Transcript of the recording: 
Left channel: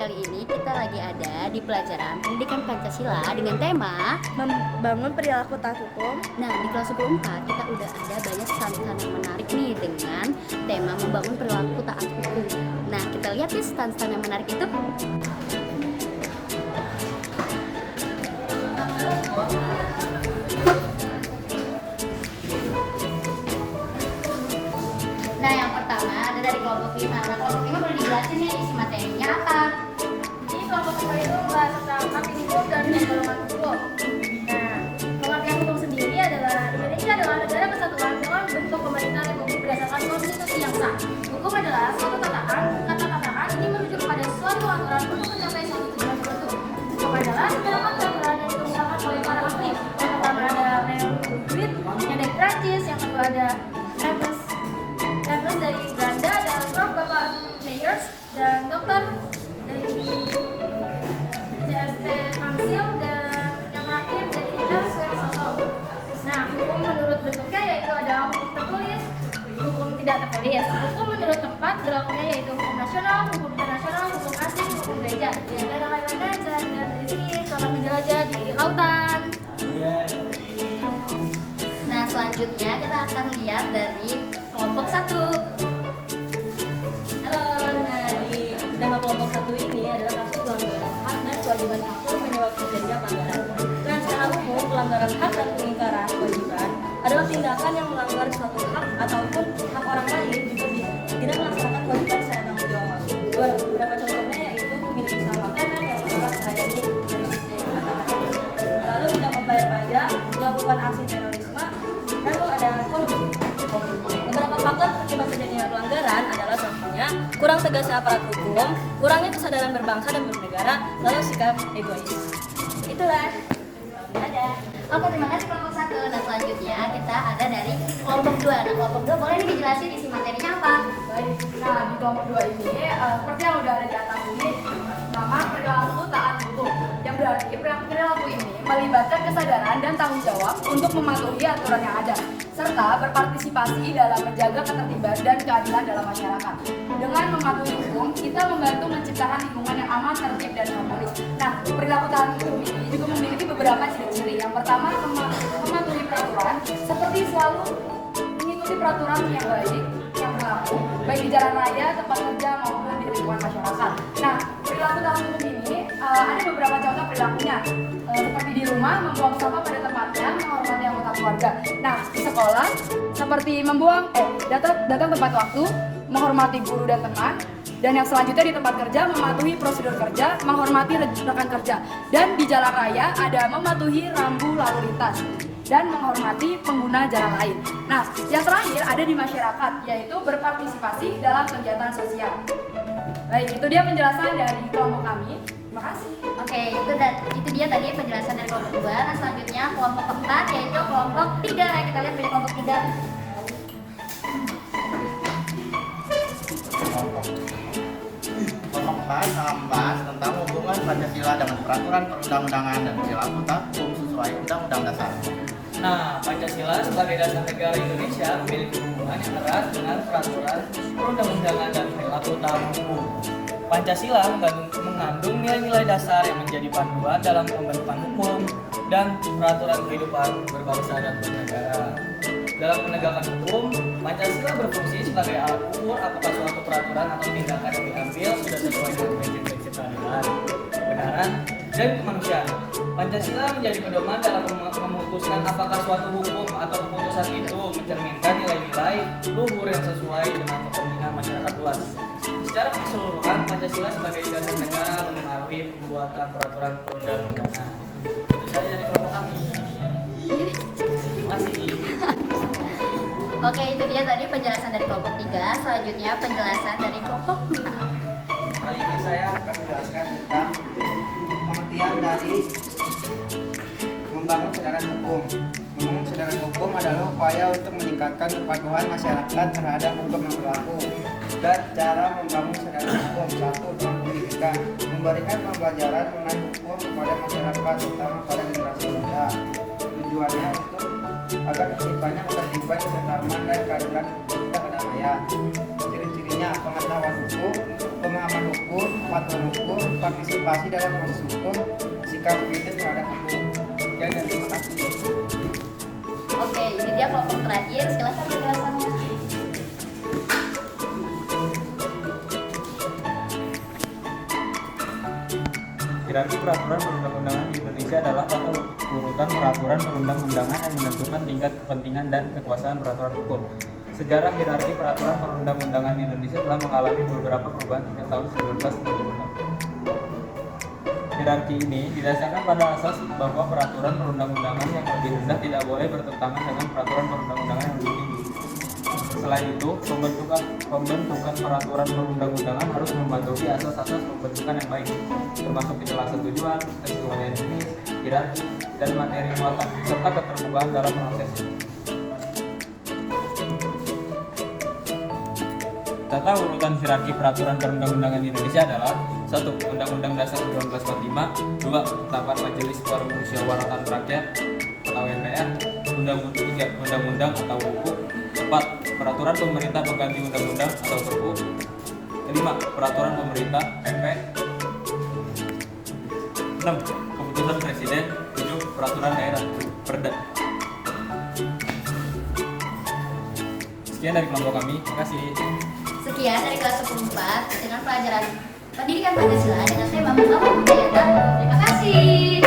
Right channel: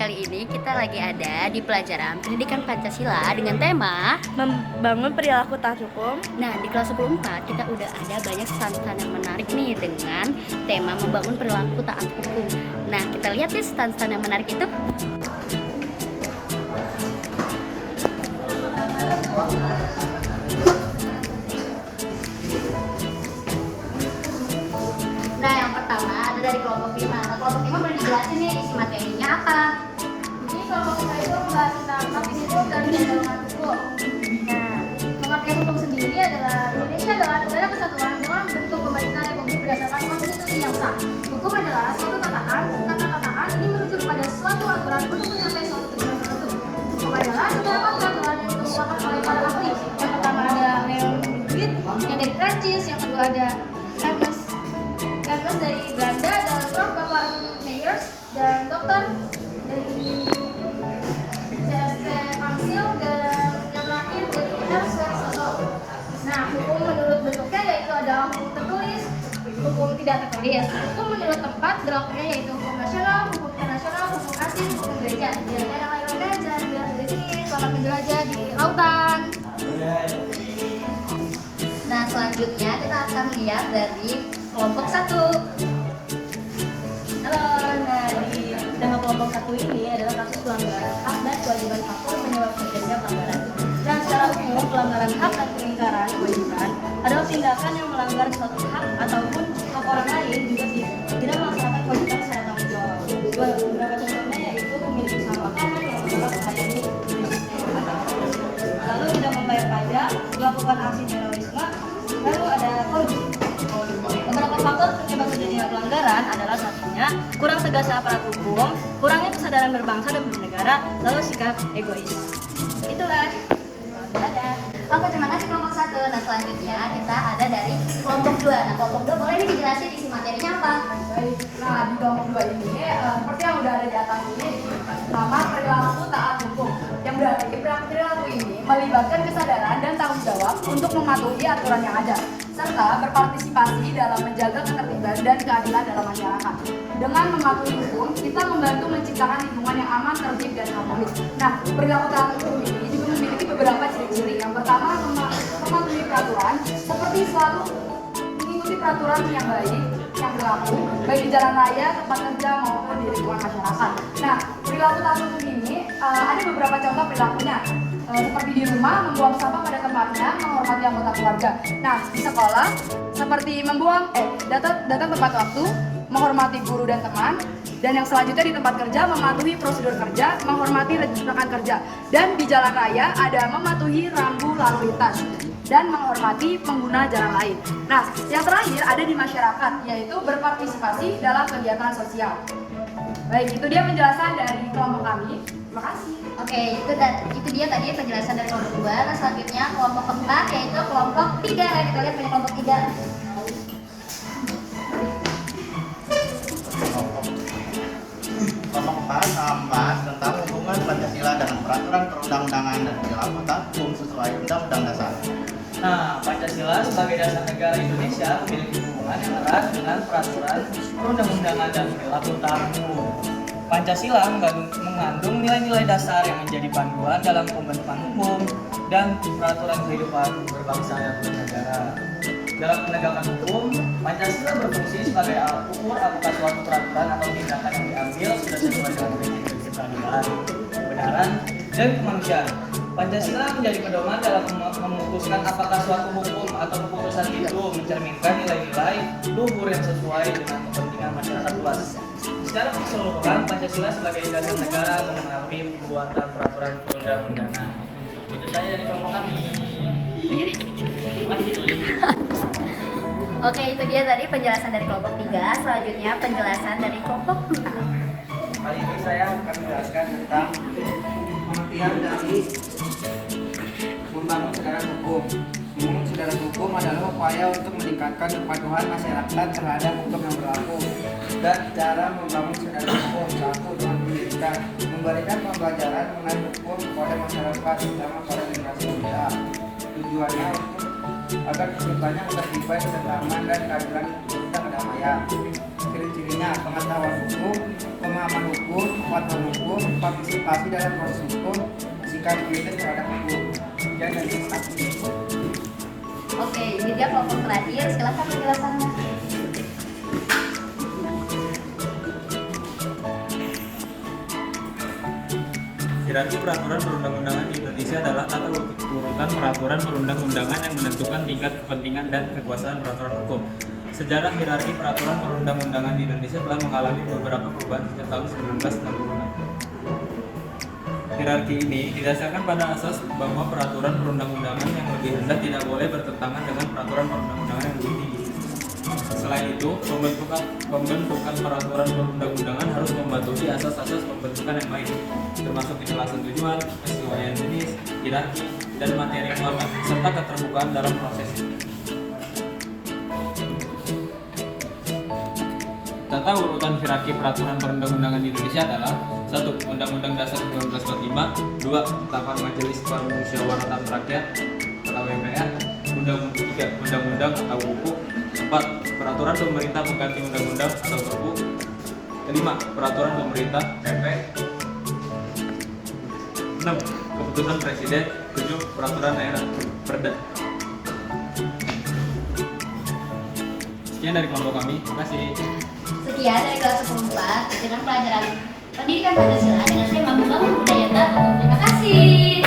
kali ini kita lagi ada di pelajaran Pendidikan Pancasila dengan tema Membangun perilaku taat hukum. Nah, di kelas 14 kita udah ada banyak stand-stand yang menarik nih dengan tema membangun perilaku taat hukum. Nah, kita lihat nih stand-stand yang menarik itu. Nah, yang pertama ada dari kelompok 5. Nah, kelompok 5 boleh dijelasin nih isi materinya apa? Ini kelompok kita itu membahas tentang tapi hukum dan pendalaman hukum. Nah, pengertian hukum sendiri adalah Indonesia adalah negara kesatuan dengan bentuk pemerintah republik berdasarkan konstitusi yang sah. Hukum adalah suatu tataan, kata-kataan ini merujuk pada suatu aturan untuk mencapai suatu tujuan tertentu. Hukum adalah segala aturan yang diusahakan oleh para ahli. Yang pertama ada Léon Dewit, yang dari Prancis, yang kedua ada Ernest dari Belanda, dan Prof. Bapak Meyers, dan Dokter dari CSD Ansil, dan yang terakhir dari Ernst Soso. Nah, hukum menurut bentuknya yaitu ada hukum tertulis, hukum tidak tertulis. Hukum menurut tempat bloknya yaitu hukum nasional, hukum internasional, hukum asing, hukum gereja. Dan yang lain-lainnya jangan dari sini. Selamat menjelajah di lautan. Nah, selanjutnya kita akan lihat dari kelompok 1. Halo, nah di tema kelompok 1 ini adalah kasus pelanggaran hak dan kewajiban aktor menyebabkan terjadinya pelanggaran. Dan secara umum pelanggaran hak dan pengingkaran kewajiban adalah tindakan yang melanggar suatu hak ataupun hak orang lain juga tidak melaksanakan kewajiban secara tanggung jawab. Beberapa contohnya yaitu memiliki usaha makanan yang mendapat perhatian lalu tidak membayar pajak, melakukan aksi terorisme, lalu ada korupsi. Beberapa faktor penyebab terjadinya pelanggaran adalah satunya kurang tegasnya aparat hukum, kurangnya kesadaran berbangsa dan bernegara, lalu sikap egois. Itulah. Dadah. Oke, terima kasih kelompok 1. Nah, selanjutnya kita ada dari kelompok 2. Nah, kelompok 2 boleh nih dijelasin isi materinya apa? Baik, nah di kelompok 2 ini seperti yang udah ada di atas ini, nama perilaku taat hukum, yang berarti perilaku ini melibatkan kesadaran dan tanggung jawab untuk mematuhi aturan yang ada serta berpartisipasi dalam menjaga ketertiban dan keadilan dalam masyarakat. Dengan mematuhi hukum, kita membantu menciptakan lingkungan yang aman, tertib, dan harmonis. Nah, perilaku taat hukum ini juga memiliki beberapa ciri-ciri. Yang pertama, mematuhi peraturan, seperti selalu mengikuti peraturan yang baik yang berlaku, baik di jalan raya, tempat kerja, maupun di lingkungan masyarakat. Nah, perilaku taat hukum ini ada beberapa contoh perilakunya. Seperti di rumah, membuang sampah pada tempatnya, menghormati anggota keluarga. Nah, di sekolah, seperti datang tepat waktu, menghormati guru dan teman. Dan yang selanjutnya di tempat kerja, mematuhi prosedur kerja, menghormati rekan kerja. Dan di jalan raya, ada mematuhi rambu lalu lintas dan menghormati pengguna jalan lain. Nah, yang terakhir ada di masyarakat, yaitu berpartisipasi dalam kegiatan sosial. Baik, itu dia penjelasan dari kelompok kami. Terima kasih. Oke, itu dia tadi penjelasan dari kelompok 2. Nah, selanjutnya kelompok keempat yaitu kelompok 3. Nah, kita lihat dari kelompok 3. Kelompok 4 membahas tentang hubungan Pancasila dengan peraturan perundang-undangan dan perilaku taat hukum sesuai Undang-Undang Dasar. Nah, Pancasila sebagai dasar negara Indonesia memiliki hubungan yang erat dengan peraturan perundang-undangan dan perilaku taat hukum. Pancasila mengandung nilai-nilai dasar yang menjadi panduan dalam pembentukan hukum dan peraturan kehidupan berbangsa dan bernegara. Dalam penegakan hukum, Pancasila berfungsi sebagai alat ukur apakah suatu peraturan atau tindakan yang diambil sudah sesuai dengan prinsip keadilan, kebenaran, dan kemanusiaan. Pancasila menjadi pedoman dalam memutuskan apakah suatu hukum atau keputusan itu mencerminkan nilai-nilai luhur yang sesuai dengan kepentingan masyarakat luas. Secara keseluruhan, Pancasila sebagai dasar negara mengenai pembuatan peraturan perundang-undangan. Itu saja dari kelompok kami. Oke, itu dia tadi penjelasan dari kelompok 3. Selanjutnya penjelasan dari kelompok 4. Kali ini saya akan menjelaskan tentang pengertian dari membangun kesadaran hukum. Membangun kesadaran hukum adalah upaya untuk meningkatkan kepatuhan masyarakat terhadap hukum yang berlaku. Dan cara membangun kesadaran hukum, satu, dengan pendidikan, memberikan pembelajaran mengenai hukum kepada masyarakat, terutama pada generasi muda. Tujuannya untuk agar kehidupannya tertiba, keamanan, keadilan, dan kedamaian. Ciri-cirinya pengetahuan hukum, pemahaman hukum, hukum, patuh hukum, partisipasi dalam proses hukum, sikap kritis terhadap hukum, dan legislasi. Oke, ini dia kelompok terakhir. Silakan penjelasannya. Hierarki peraturan perundang-undangan di Indonesia adalah tata urutan peraturan perundang-undangan yang menentukan tingkat kepentingan dan kekuasaan peraturan hukum. Sejarah hierarki peraturan perundang-undangan di Indonesia telah mengalami beberapa perubahan sejak tahun 1966. Hierarki ini didasarkan pada asas bahwa peraturan perundang-undangan yang lebih rendah tidak boleh bertentangan dengan peraturan perundang-undangan yang lebih tinggi. Selain itu, pembentukan peraturan perundang-undangan harus mematuhi asas-asas pembentukan yang baik, termasuk kejelasan tujuan, kesesuaian jenis, hierarki, dan materi muatan, serta keterbukaan dalam prosesnya. Tata urutan hierarki peraturan perundang-undangan di Indonesia adalah 1. Undang-Undang Dasar 1945, 2. Ketetapan Majelis Permusyawaratan Rakyat atau MPR, 3. Undang-undang atau Perpu, 4. Peraturan pemerintah pengganti undang-undang atau Perpu, 5. Peraturan pemerintah PP, 6. Keputusan Presiden, 7. Peraturan daerah Perda. Sekian dari kelompok kami, terima kasih. Sekian dari kelas 14 dengan pelajaran Pendidikan Pancasila dengan tema membangun budaya dan terima kasih.